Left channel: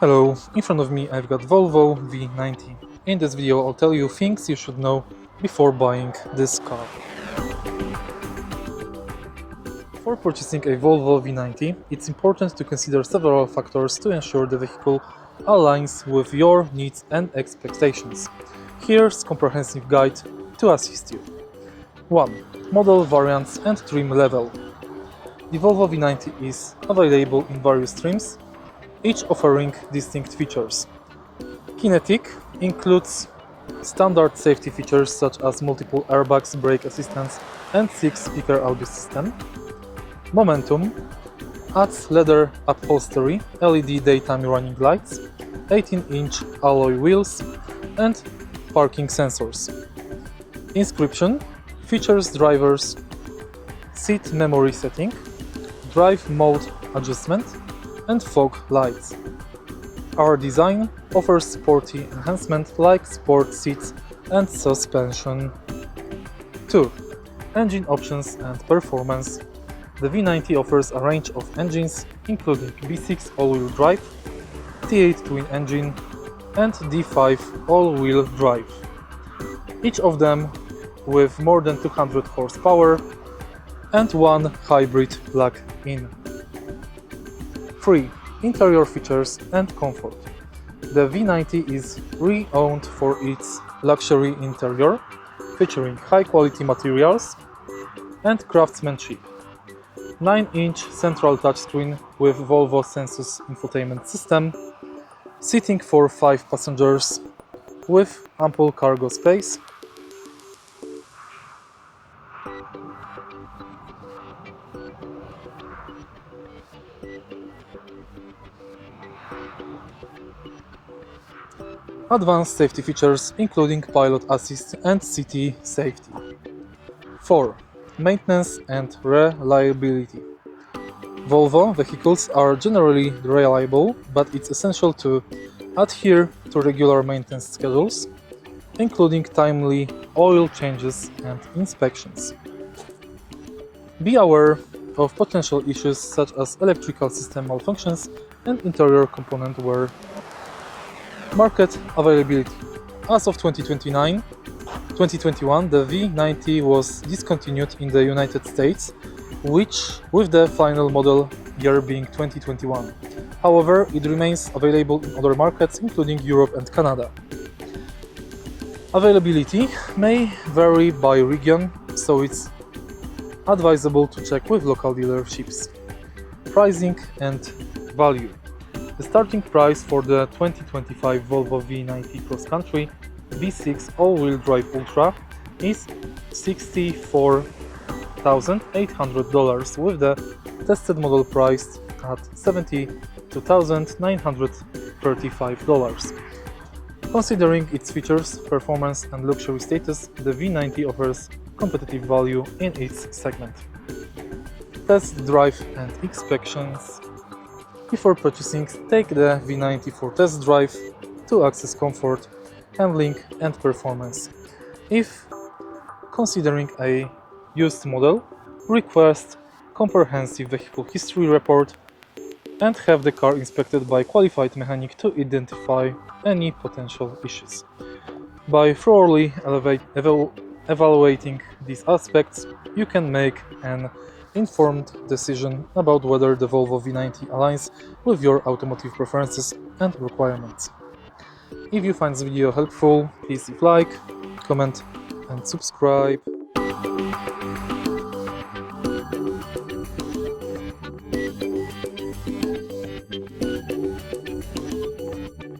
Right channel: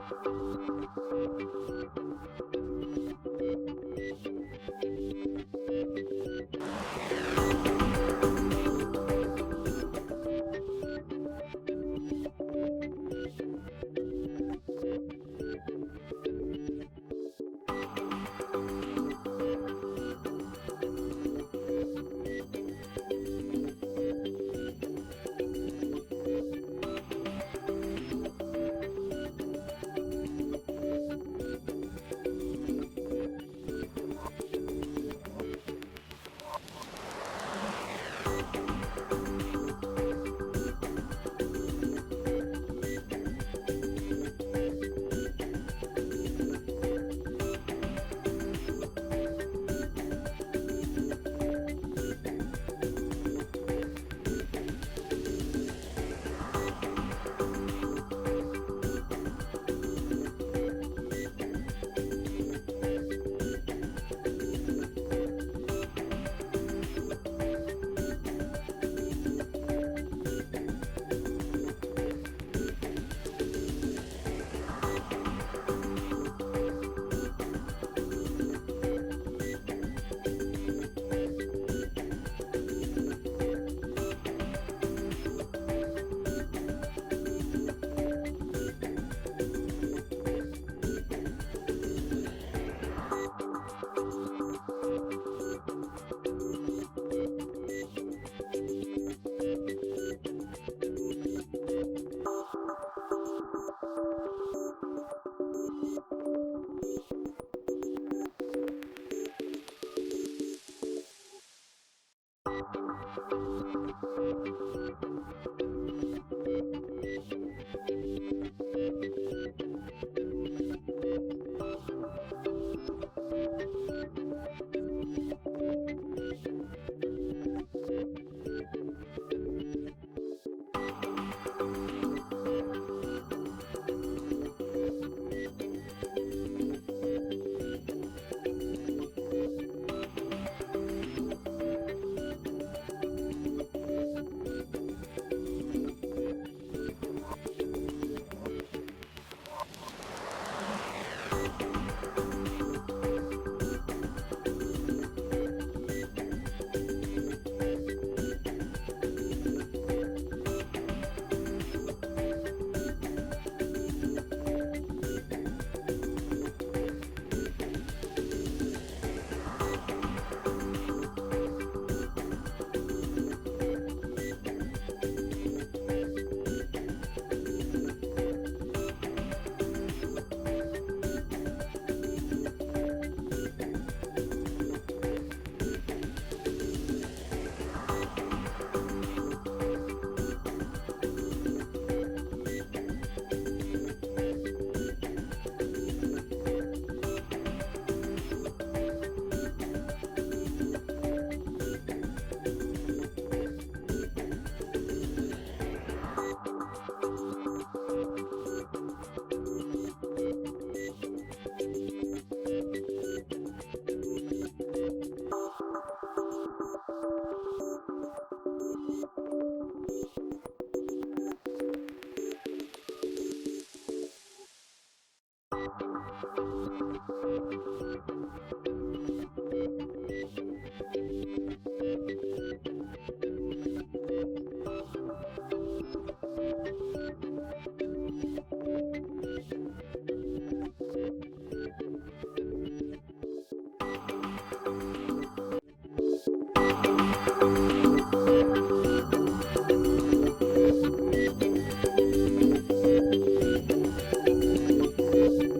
Hello, in front of me I've got Volvo V90. In this video I'll tell you things you should know before buying this car. Before purchasing a Volvo V90, it's important to consider several factors to ensure the vehicle aligns with your needs and expectations. Here's a comprehensive guide to assist you. 1. Model variants and trim level. The Volvo V90 is available in various trims, each offering distinct features. Kinetic includes standard safety features such as multiple airbags, brake assistance, and 6-speaker audio system. Momentum adds leather upholstery, LED daytime running lights, 18-inch alloy wheels, and parking sensors. Inscription features driver's seat memory setting, drive mode adjustment, and fog lights. Our design offers sporty enhancement like sport seats and suspension. 2. Engine options and performance. The V90 offers a range of engines including V6 all-wheel drive, T8 twin engine, and D5 all-wheel drive, each of them with more than 200 horsepower and one hybrid plug-in. 3. Interior features and comfort. The V90 is renowned for its luxury interior, featuring high-quality materials and craftsmanship. 9-inch central touchscreen with Volvo Sensus infotainment system, seating for 5 passengers with ample cargo space, advanced safety features including pilot assist and city safety. 4. Maintenance and reliability. Volvo vehicles are generally reliable, but it's essential to adhere to regular maintenance schedules, including timely oil changes and inspections. Be aware of potential issues such as electrical system malfunctions and interior component wear. Market availability. As of 2021, the V90 was discontinued in the United States, with the final model year being 2021. However, it remains available in other markets including Europe and Canada. Availability may vary by region, so it's advisable to check with local dealerships. Pricing and value. The starting price for the 2025 Volvo V90 Cross Country V6 all-wheel drive Ultra is $64,800, with the tested model priced at $72,935. Considering its features, performance, and luxury status, the V90 offers competitive value in its segment. Test drive and inspections. Before purchasing, take the V90 for test drive to access comfort, handling, and performance. If considering a used model, request comprehensive vehicle history report and have the car inspected by qualified mechanic to identify any potential issues. By thoroughly evaluating these aspects, you can make an informed decision about whether the Volvo V90 aligns with your automotive preferences and requirements. If you find this video helpful, please leave a like, comment, and subscribe.